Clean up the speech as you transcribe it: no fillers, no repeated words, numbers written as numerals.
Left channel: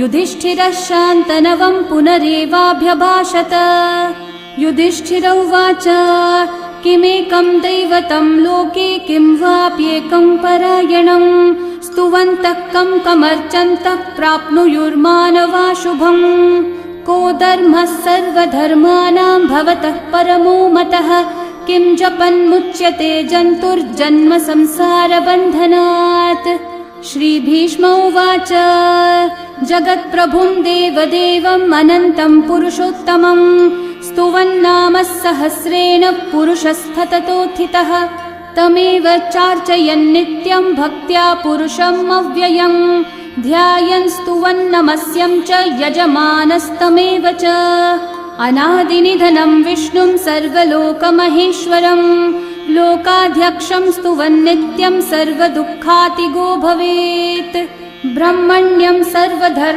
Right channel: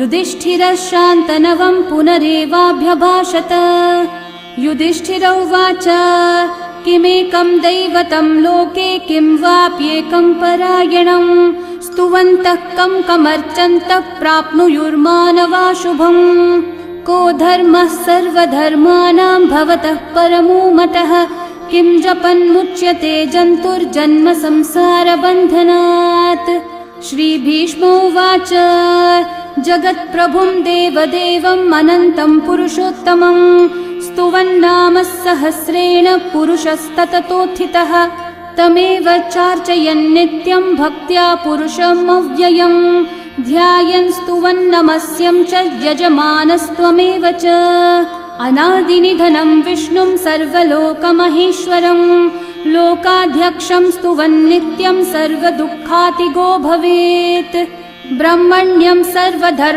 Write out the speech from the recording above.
युधिष्ठिरः शान्तनवं पुनरेवाभ्यभाषत। युधिष्ठिर उवाच किमेकं दैवतं लोके किं वाप्येकं परायणं स्तुवन्तः कं कमर्चन्तः प्राप्नुयुर्मानवा शुभम्। को धर्मः सर्वधर्माणां भवतः परमो मतः किं जपन्मुच्यते जन्तुर्जन्म संसारबन्धनात्। श्रीभीष्म उवाच जगत्प्रभुं देवदेवम् अनन्तं पुरुषोत्तमं स्तुवन्नामः सहस्रेण पुरुषस्तततोत्थितः तमेव चार्चयन् नित्यं भक्त्या पुरुषम् अव्ययम् ध्यायन् स्तुवन्नमस्यं च यजमानस्तमेव च। अनादिनिधनं विष्णुं सर्वलोकमहेश्वरम् लोकाध्यक्षं स्तुवन्नित्यं सर्वदुःखातिगो भवेत्। ब्रह्मण्यं सर्वधर्म